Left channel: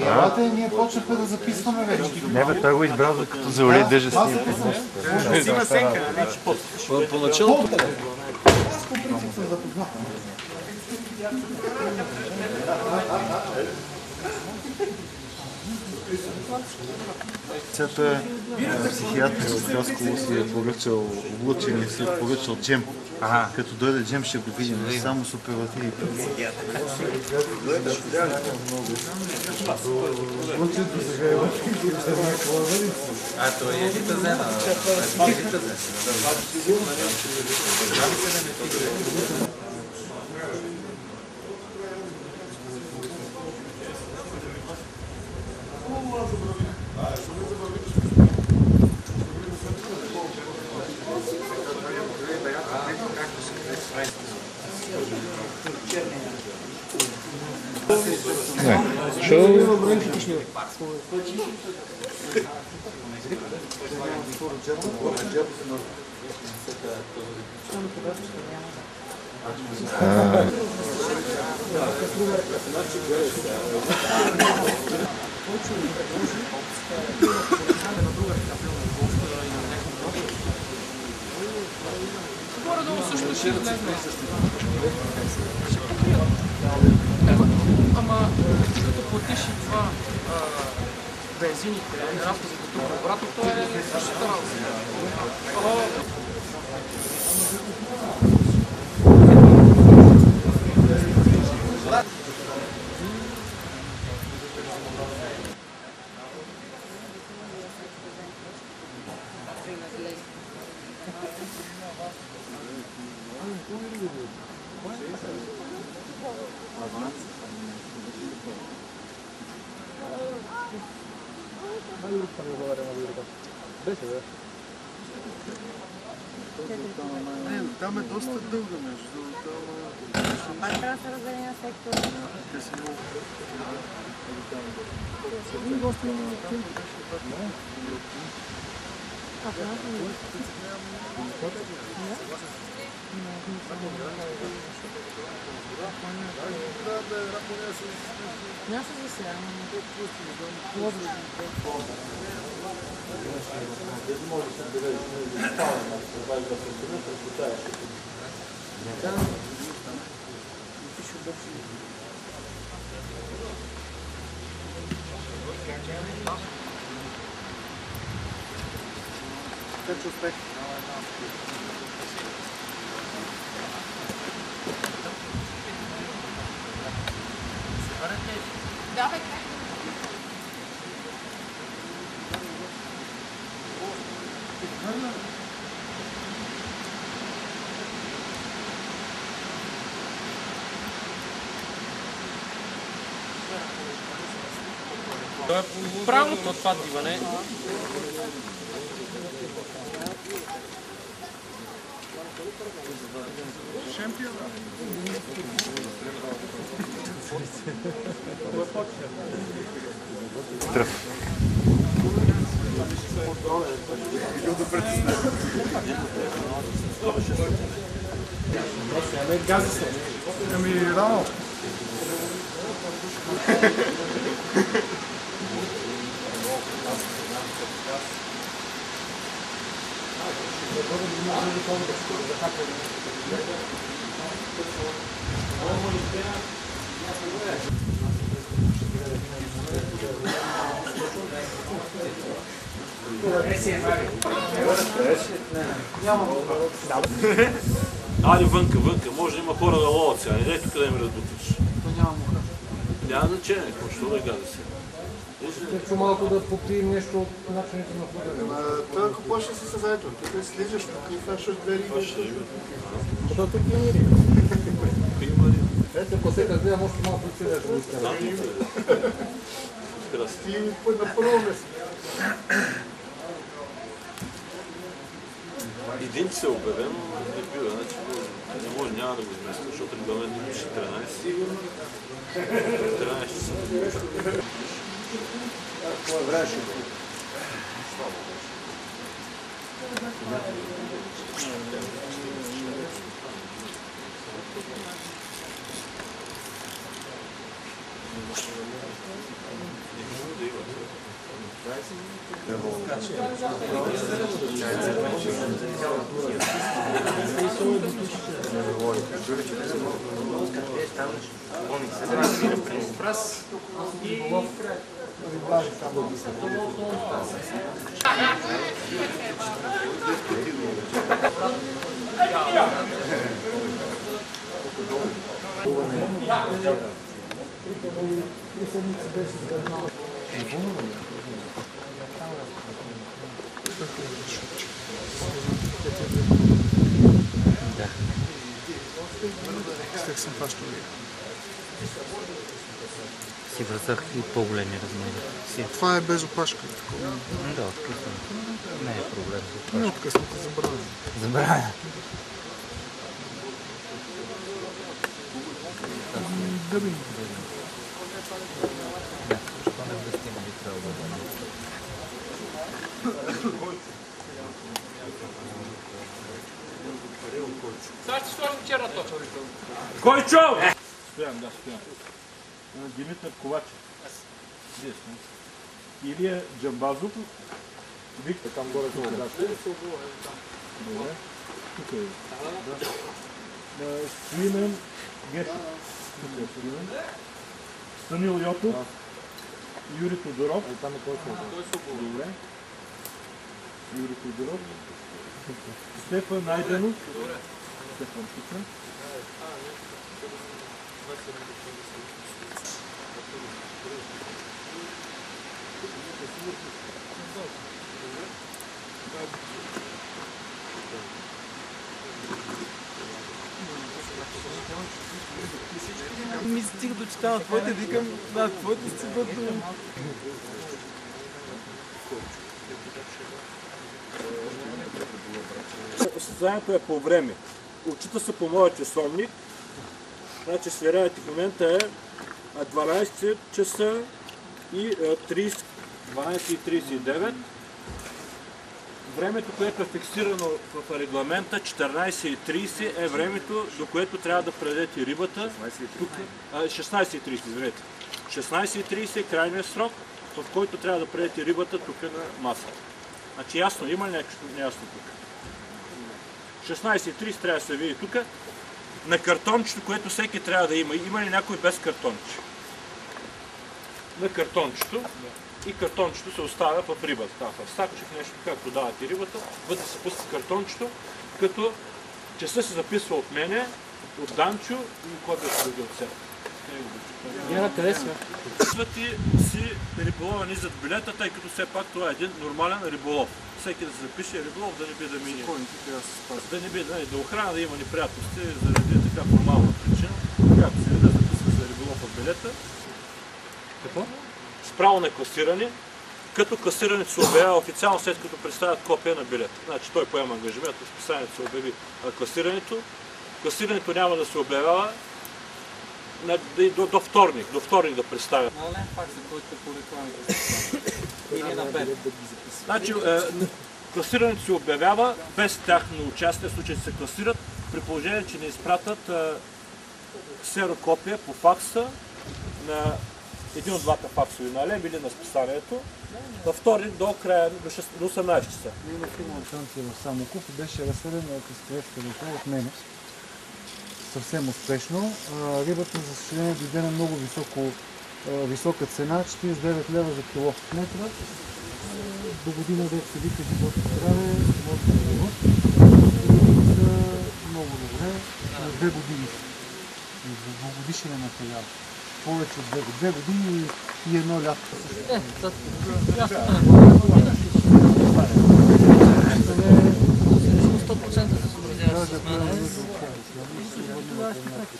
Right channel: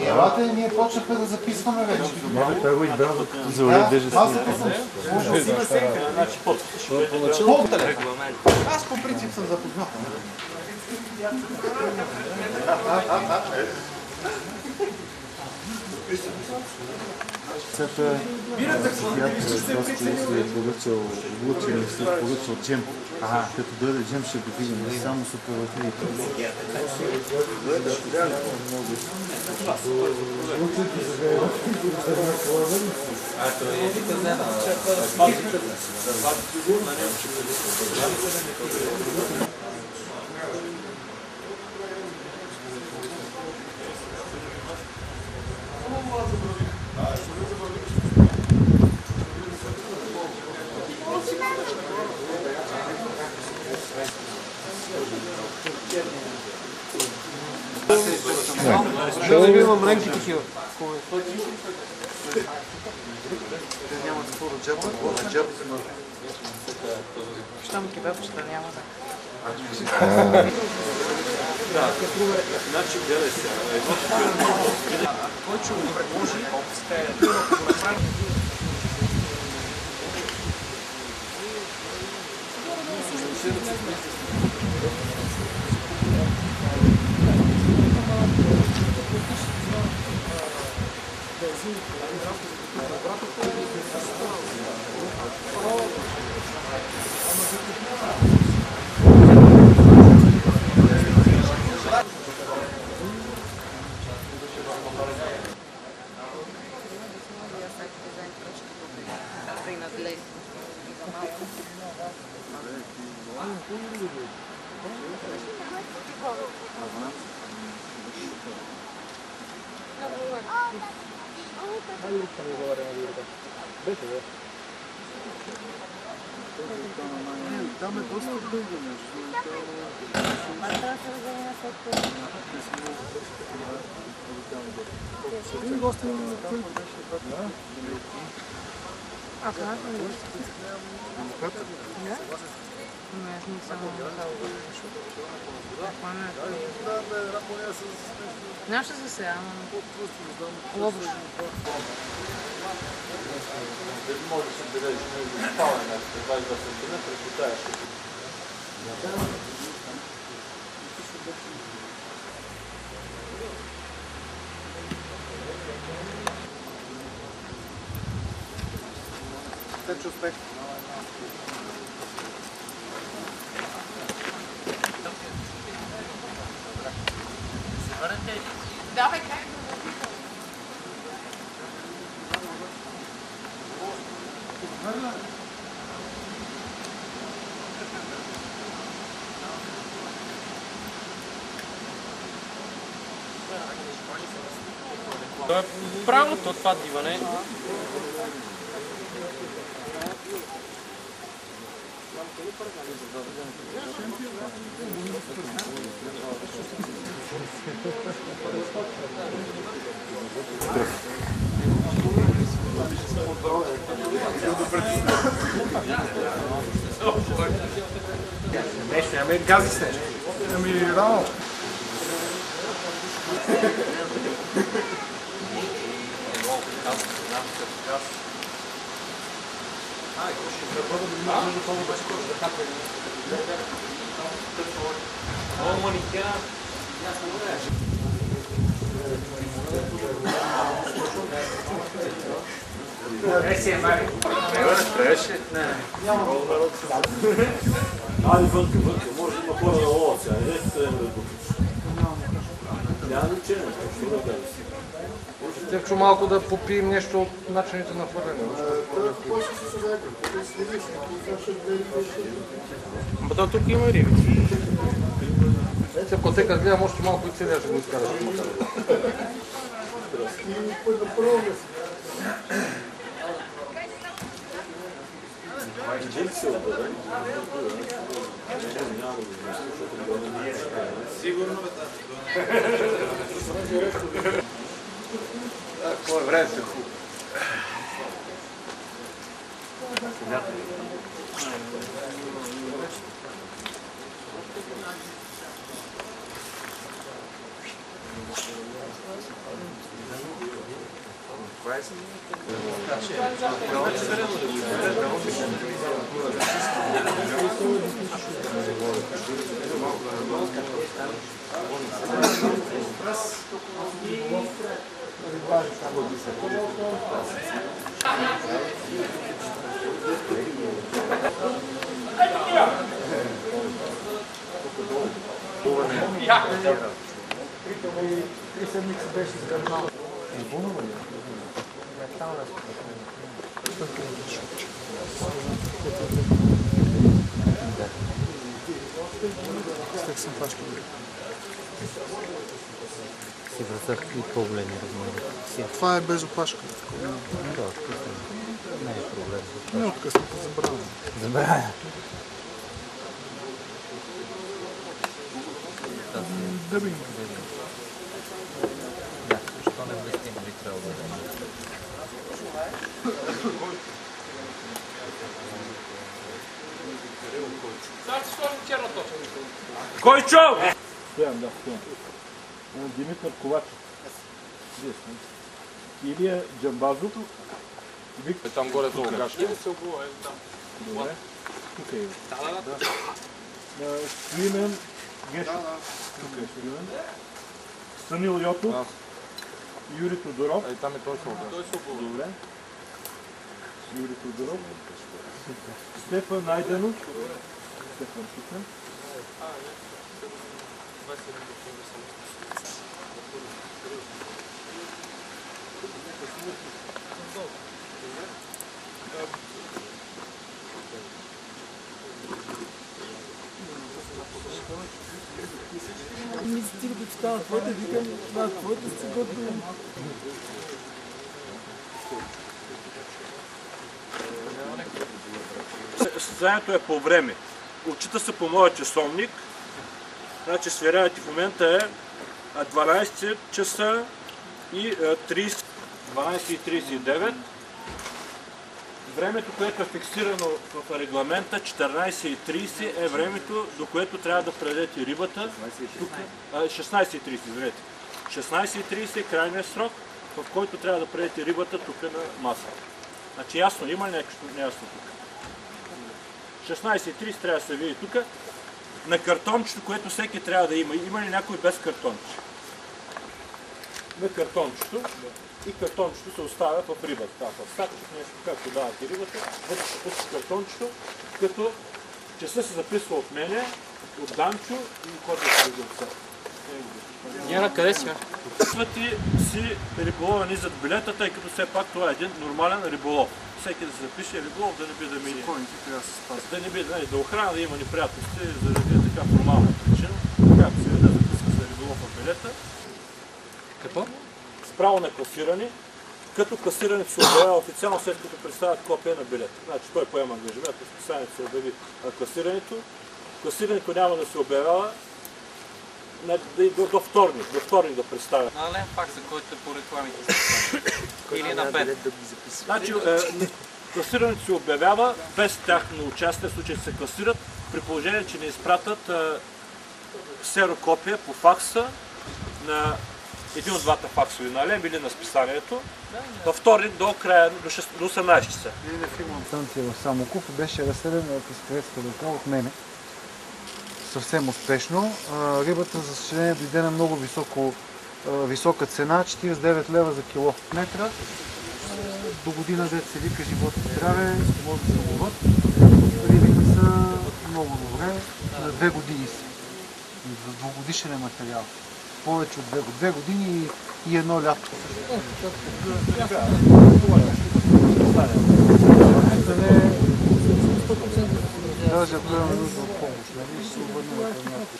Елате, ние почнахме да записваме вече. Не бе, той го избрал като за уред държа снимка. Поначало. Аз по принцип съм запознат. Цята психиатър от Хасково си е поръчал облучен и си е поръчал джем. Като дойде джем ще го видим, само с оперативите. Ама, като платиш и това бензин и разходи за тук обратно, това е същата работа. Там е доста дълго нещо. Това трябва да се раздели на сектора. Нямаше за сега, но... Може да се бележи между спален на 20 см, предпочитаеш. Така че успех. Давай, как? Това е правилното това диване. Ами гази сте. Ами рано. Айде вънка, може да има хора да ловят сега, не дайте къде ме разбутиш. Няма значение, защо да гази си. Тепчо малко да попием нещо от начините на хвърляне. Той какво ще си съзнаете? Тук слизаш, тук кашаш две риби. То тук има риби. Ето, ако те като гледам още малко и целия ще го изкара. Ти на първо место. Един се обявен, не може, няма да го измисля, защото регламент не ще трябва. Сигурно. Какво е време? Стек съм фащал. Си вързах и по-големи размери. Това е без опашка. Да, откъснато. Не е проблем. Не откъснато, забравя. Забравя. Дъбинг. Да, защо не вместим би трябвало да бъде. Сега ще сложим черна точка. Койчо! Стоян, да, стоян. Димитър Ковачев. Вие сте. Илия Джамбазов. Виктор. Там горе-долу кашка. Добре. Тук е. Свимен Гешов. Тук е Свимен. Станил Йотов. Юрий Тодоров. Там е той свободен. Добре. Юрий Тодоров. Стефан Найденов. Стефан тук. Ми стига до чета на твоите, викам, да, твоите си готови. Състезанието е по време. Отчита се по моя часовник. Значи сверявате в момента е 12 часа и 12:39. Времето, което е фиксирано в регламента, 14:30 е времето, до което трябва да предадете рибата. 16:30, извинете. 16:30 е крайният срок, в който трябва да предадете рибата тук на масата. Значи ясно, има ли нещо неясно тук? 16:30 трябва да се види тук. На картончето, което всеки трябва да има. Има ли някой без картонче? На картончето. И картончето се оставя в рибата. В сакчик нещо, както давате рибата, вътре се пуска картончето, като часа се записва от мене, от Данчо и кодът се от все. Гера, къде си? Записвате си риболова ни зад билета, тъй като все пак това е един нормален риболов. Всеки да се запише риболов, да не би да мине. Да не би да охрана, да има неприятности, заради така формална причина. Както се вида, записва се риболов в билета. Какво? С право на класиране, като класирането се обявява официално, след като представят копия на билета. Значи той поема ангажимент, списанието се обяви класирането. Класирането няма да се обявява до вторник. До вторник да представя. На лен факс, за който по рекламите се или на бед. Значи, класирането се обявява без тяхно участие, в случай се класират, при положение, че не изпратят ксерокопия по факса на един от двата факсови, на Алем или на списанието, във вторник до края, до 18 часа. Станция в Самоков беше разселена с турецка река от мене. Съвсем успешно. Рибата, за съжаление, дойде на много висока цена, 49 лева за кило метра. До година дет се вика живот и здраве, може да се ловат. Рибите са много добре, на 2 години са. За двугодишен материал. Повече от 2 години и едно лято. Даже ако има нужда от помощ, нали, ще се обърнем към някой.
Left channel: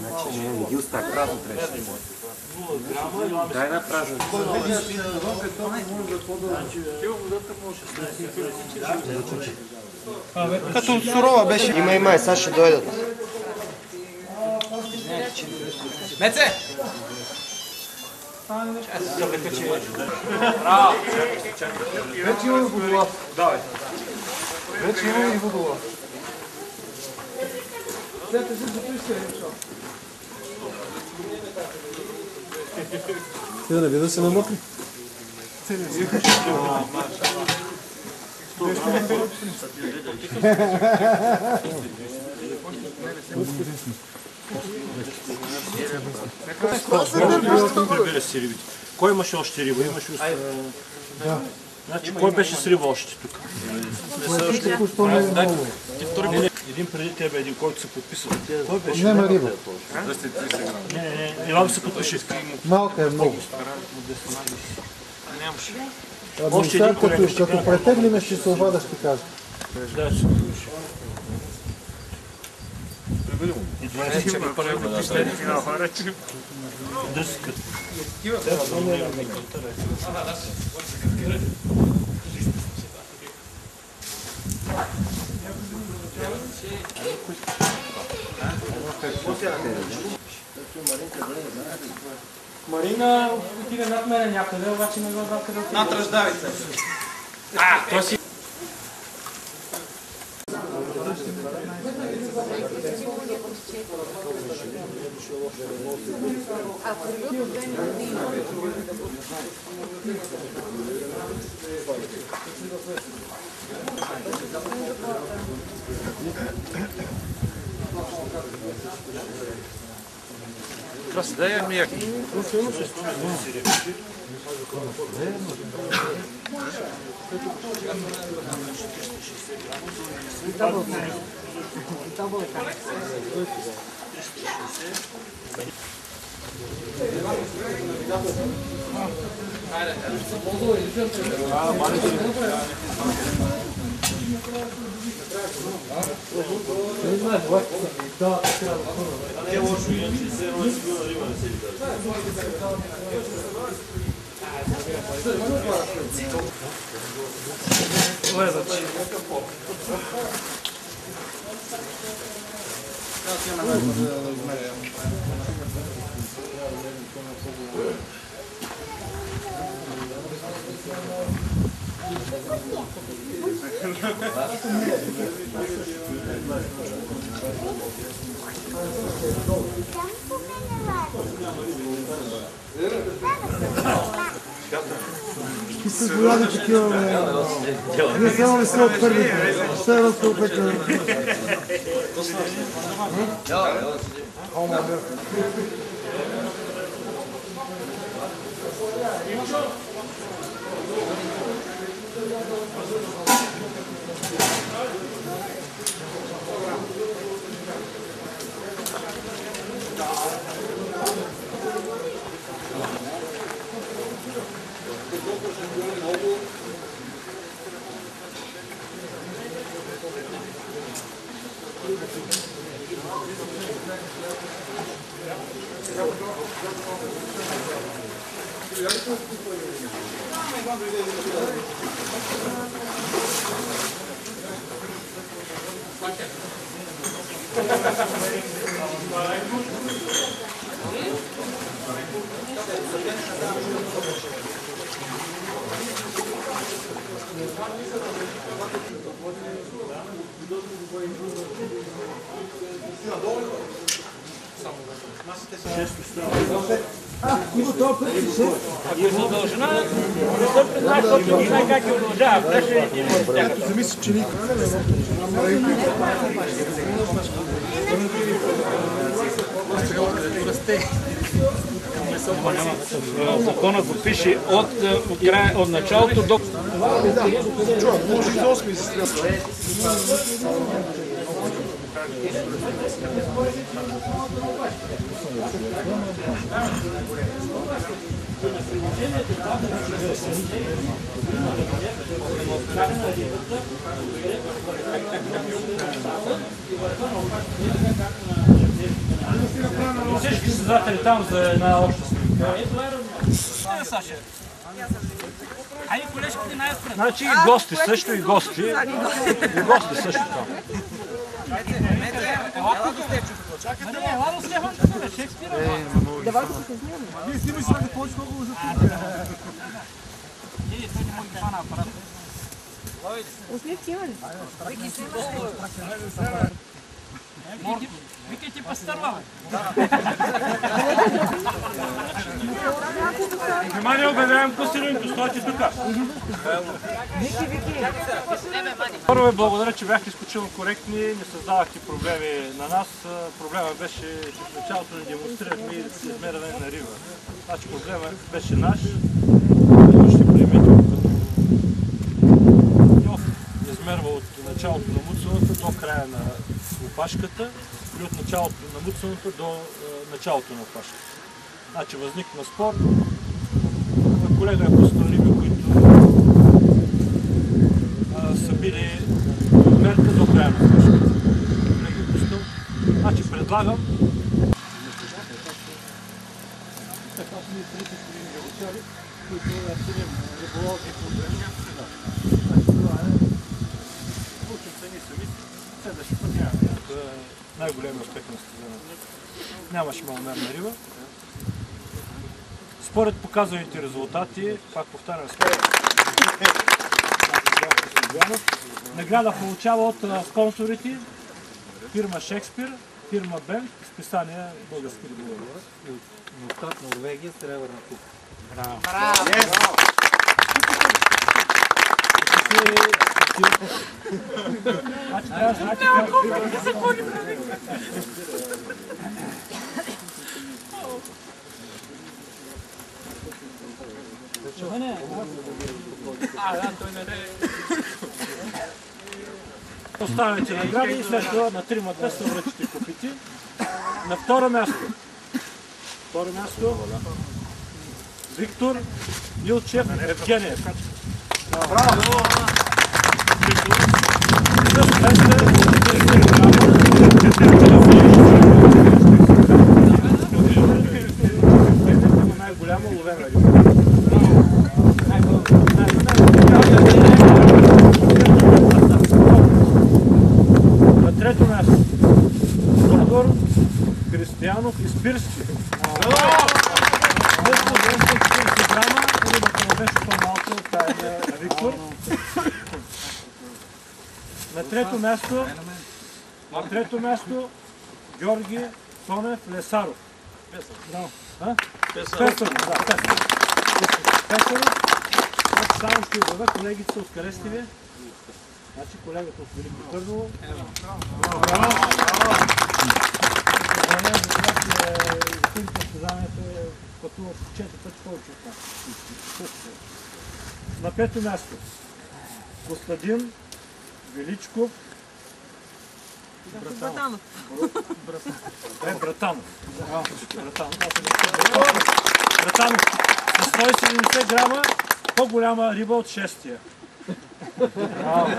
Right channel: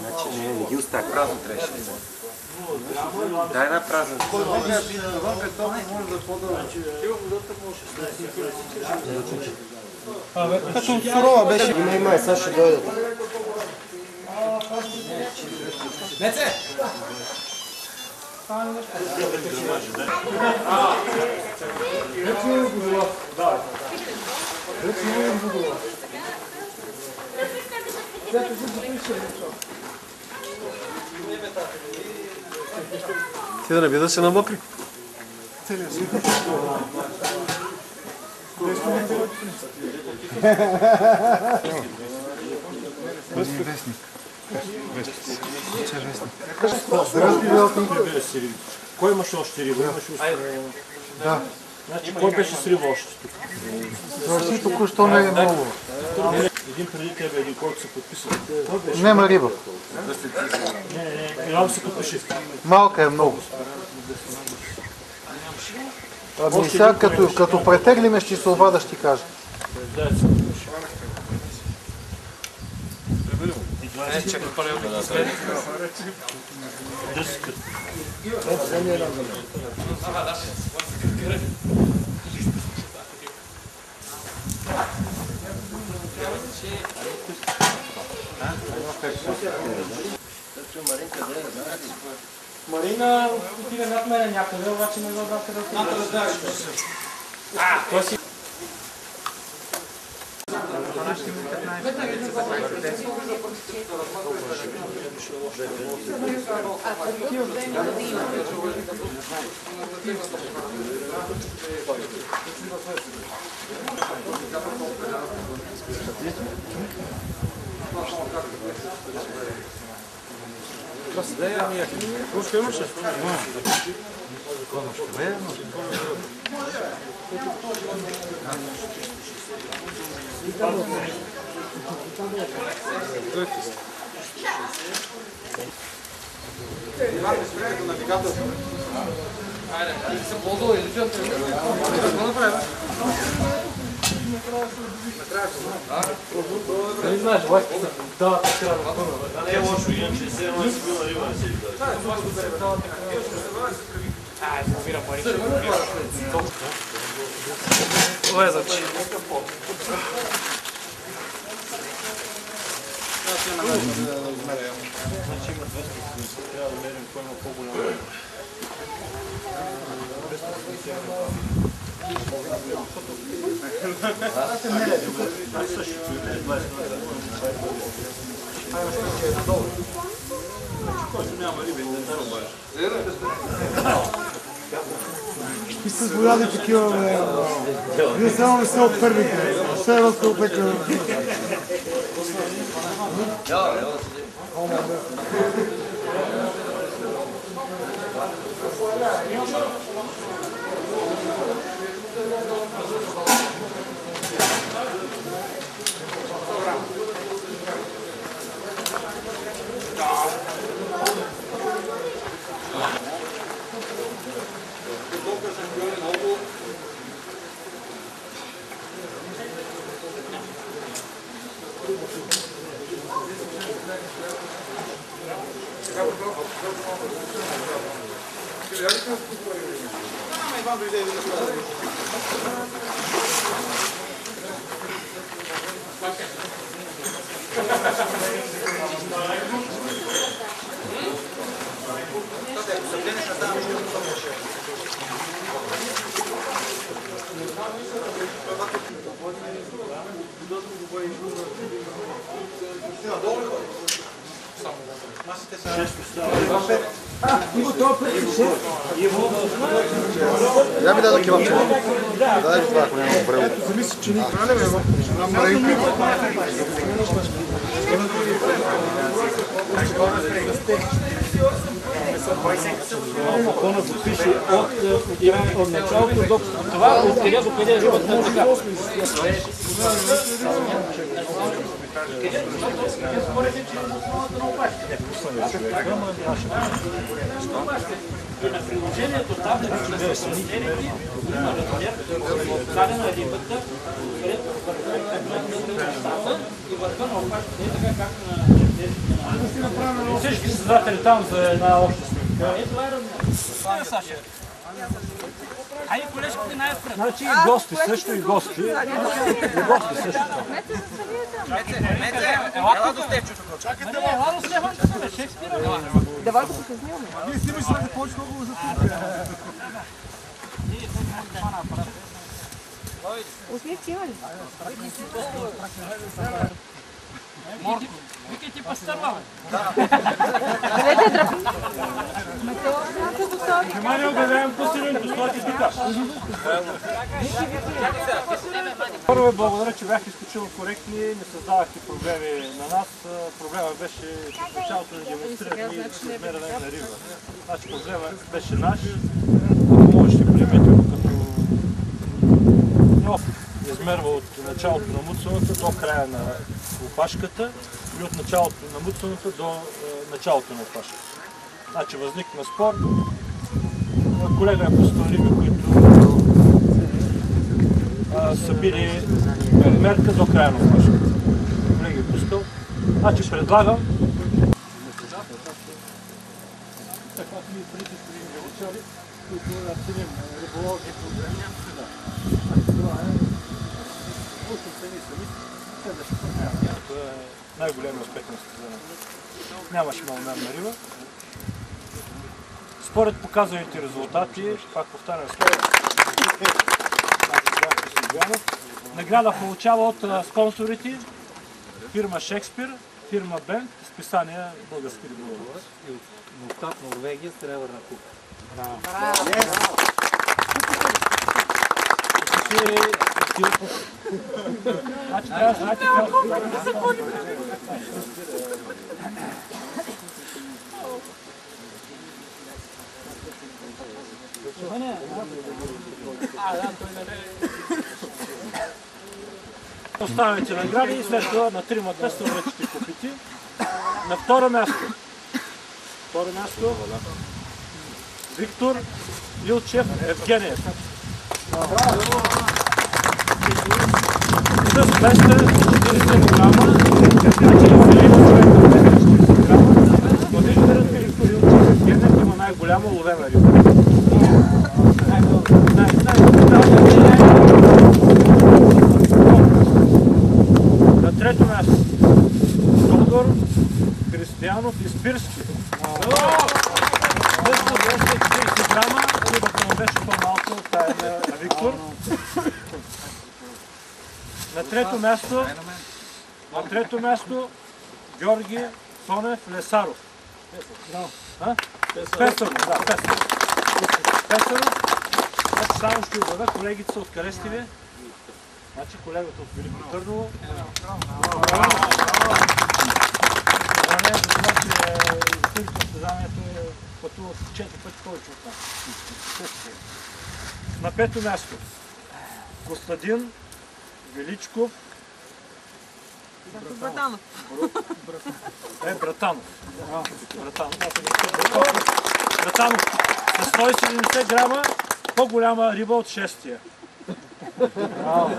Значи не ги оставя, празно трябваше да бъде. Дай една празна. Като сурова беше. Има, сега ще дойдат. стане нещо. Вече имаме водолаз. Вече имаме водолаз. Взете си запишете нещо. Ти да не би да се намокри. Целият свят. Вестник. Кой имаше още риба? Имаше още. Да. Значи, кой беше с риба още тук? Току-що не е много. Един преди тебе, един, който се подписа. Нема риба. Не, Иван се подпиши. Малка е много. Ами сега като претеглиме ще се обада, ще кажа. Да, се подпиши. И 20 дръскат. Марина отиде над мене някъде, обаче не знам къде отиде. Над раздавите. Той си... Да я ми яки. Не знаеш, лайка са. Да, така. Не е лошо, иначе се едно си била риба на себе. Лезачи. И с голяди такива, не само не са от първите, все едно сте опекали. Ето, замисли, че ни храним, Законът го пише от началото до това, от къде до къде. Приложението там да дадена рибата, и върха на опашката е така както на чертежите на... Всички създатели там за една обща снимка. Ето това е размер. Саша. Хайде, колежките най-напред. Значи и гости също, и гости. И гости също. Ела до Стефчо. Чакайте, ела до Стефан, Шекспира. Давай да се снимаме. Вие снимаш сега да повече много за тук. Той не може да хвана апарат. Усмивки има ли? Викайте пастърва, бе. Внимание, обявявам пустирането, стойте тук. Първо ви благодаря, че бяхте изключително коректни, не създавахте проблеми на нас. Проблема беше, че в началото не демонстрирахме измерване на риба. Значи проблема беше наш, може да приемете го като Йов измерва от началото на муцуната до края на опашката или от началото на муцуната до началото на опашката. Значи възникна спор. Колега е пускал риби, които са били мерка до края на опашката. Колега е пускал. Значи предлагам така сме и преди години, които ценим риболовни проблеми. Значи това е учим ни сами, следващия път няма. Това е най-големият успех на състезанието. Нямаше маломерна риба. Според показаните резултати, пак повтарям, награда получава от спонсорите фирма Шекспир, фирма Бент, списания Български риболов. И от Мустат, Норвегия, сребърна купа. Браво! Значи трябва да знаете Оставяте награди и след това на 3-мата се връчите купите. На второ място. Виктор Илчев Евгениев. Браво! С пенста 40 грама. Значи има 3 човека 40 грама. Но Виктор Илчев Евгениев има най-голяма ловена риба. На трето място Тодор Християнов и Спирски. 240 грама, рибата му беше по-малка от тая на Виктор. На трето място Георги Тонев Лесаров. Песаров. Значи само ще обявя, колегите са от къде сте ви? Значи колегата от Велико Търново. Благодаря за това, че изпълните състезанието е пътувал 4 пъти повече от нас. На пето място Костадин Величков Братанов. Братанов. Братанов с 170 грама по-голяма риба от шестия.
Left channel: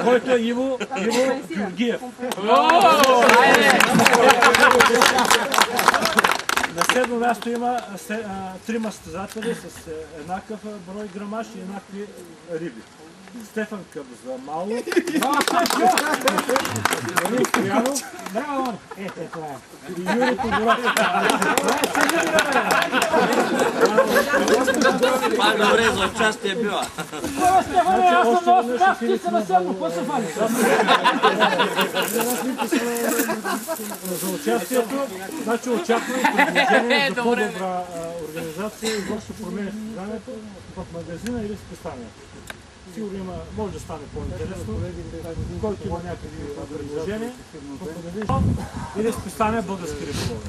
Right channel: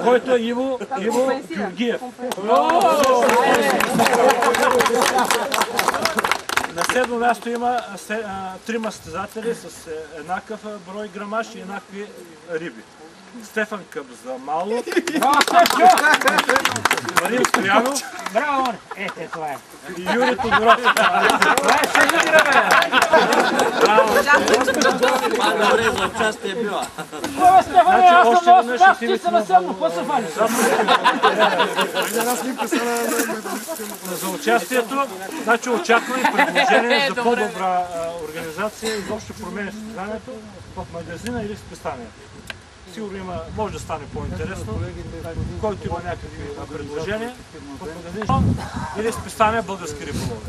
Който е Иво Георгиев. На седмо място има 3 състезатели с еднакъв брой грамаж и еднакви риби. Стефан Къбзамалов, Марин Стоянов и Юрий Тодоров. Добре, за участие била. За участието, значи очакваме предложение за по-добра организация и въобще променя състезанието в магазина или в списанието. Сигурно може да стане по-интересно, който има някакви предложения в магазина или в списание Български риболов.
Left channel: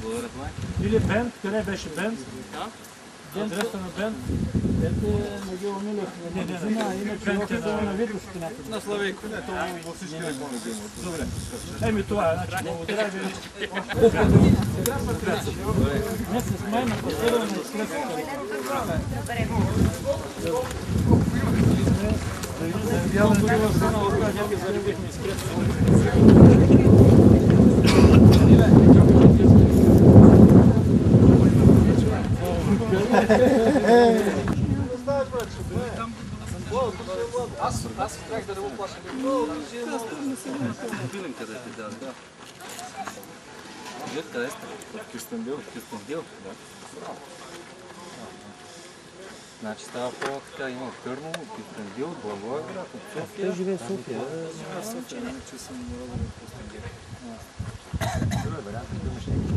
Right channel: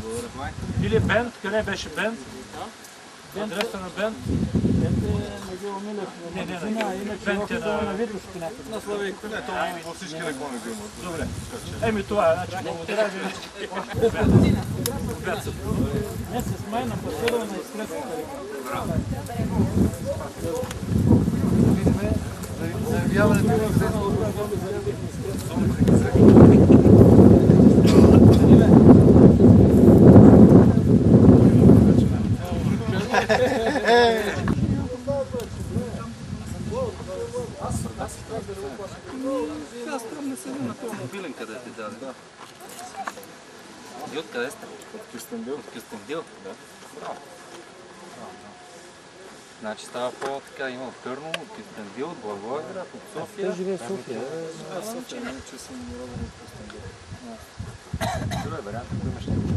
Или Бент, къде беше Бент? Адреса на Бент? Бент е на Гео Милев, Бент е на Витушки някъде. На Славейко. Във всички реклами го имат. Добре. Еми това е, значи благодаря ви. Месец май на пасиране на изкрепвата. Поставя, Аз трябвах да не го плащам. Филин къде ти даде? И откъде сте? От Кюстендил. От Кюстендил? Да. Значи става по-така, има от Търново, от Кюстендил, от Благоевград, от София. Той живее в София. Аз София, не че съм роден от Кюстендил. Друг е вариант, ако имаш някакви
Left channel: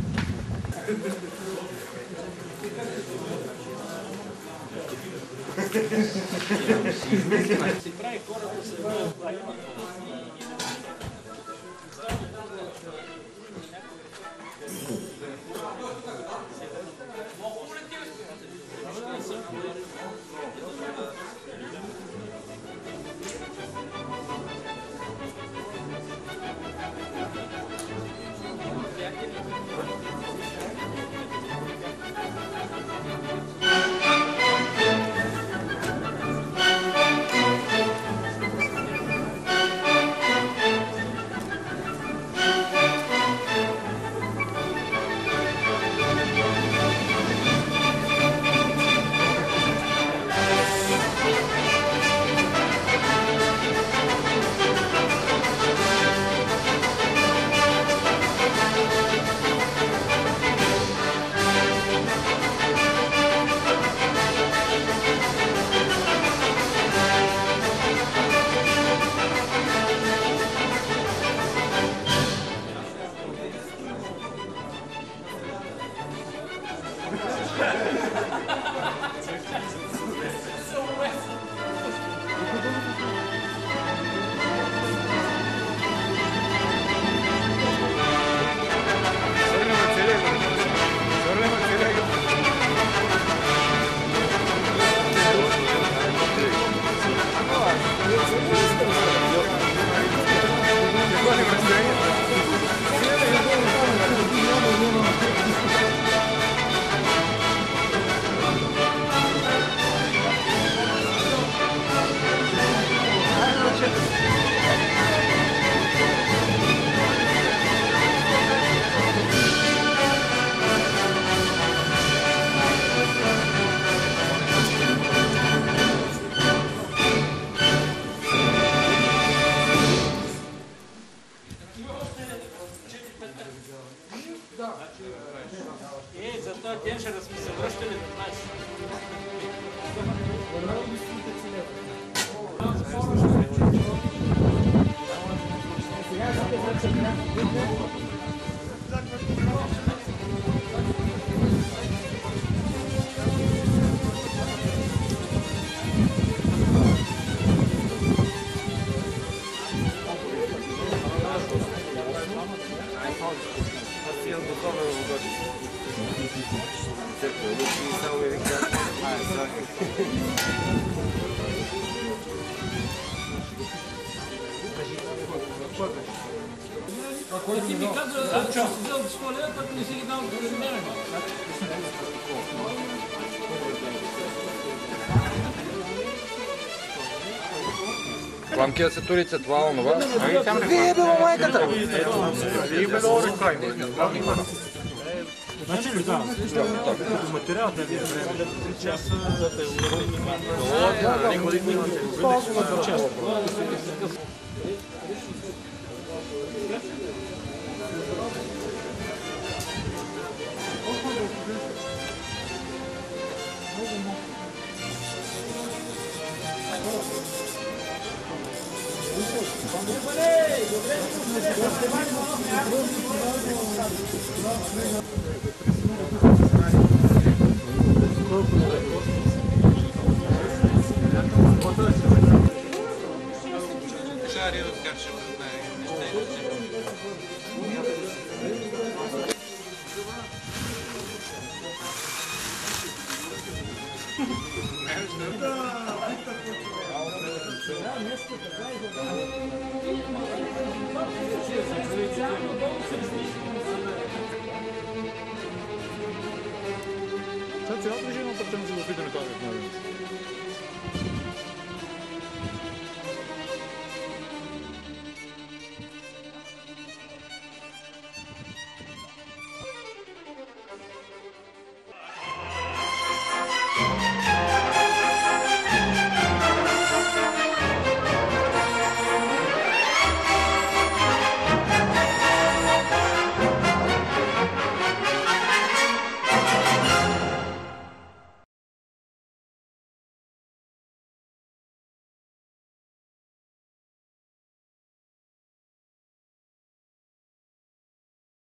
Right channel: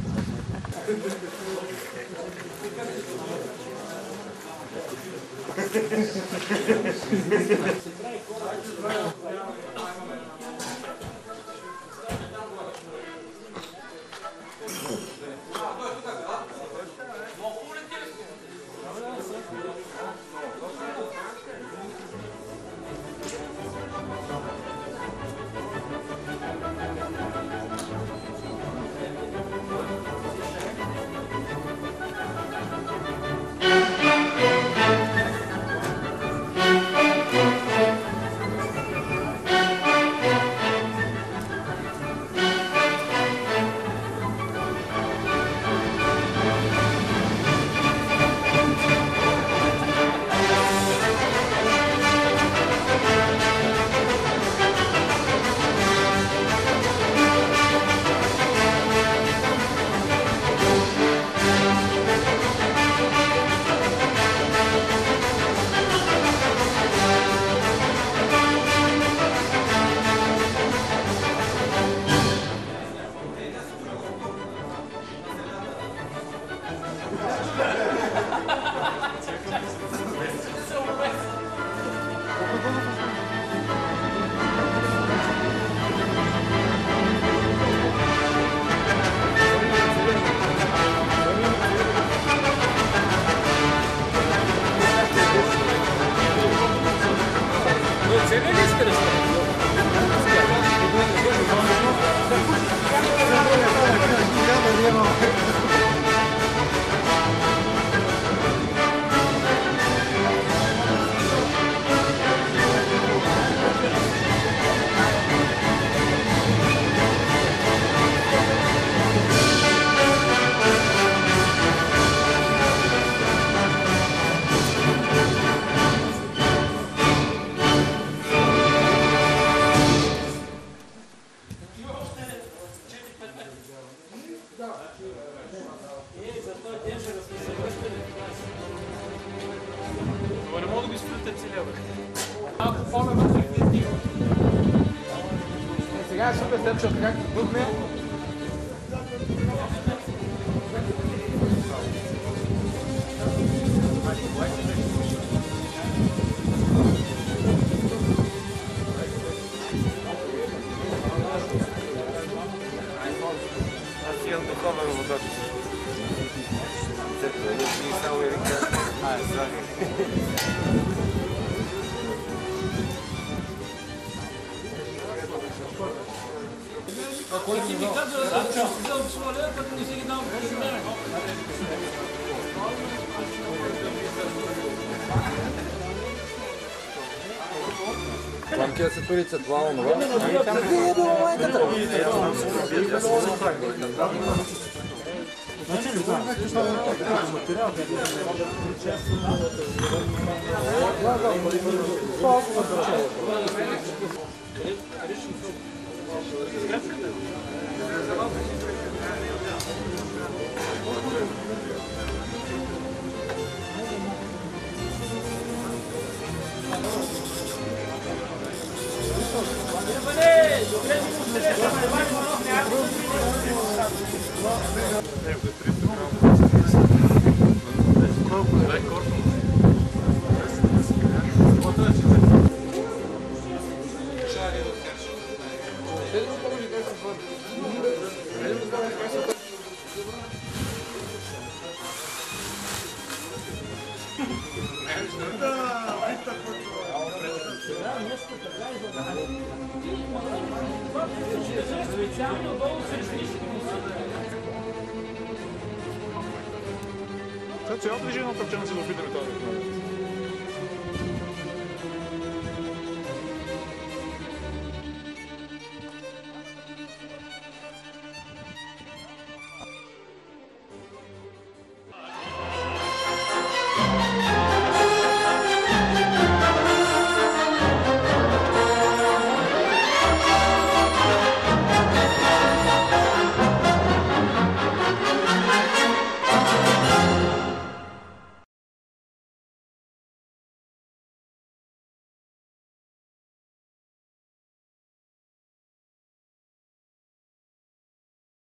За този ден ще сме се връщали до нас. Не мога да ги стоите целия. Малко по-рано. Сега е супер след като някакво трудне. Аз имам духовен водач. Църква, и само ми вика, слагай. Ако ти ми казва, да си взел 100 лева, като не си ги дам за мен. Пламкия сатурица, това онова. Вие било майката! Значи ли да? Като материал да е 3 часа. Сега цялото движение на парче на се опитаме това.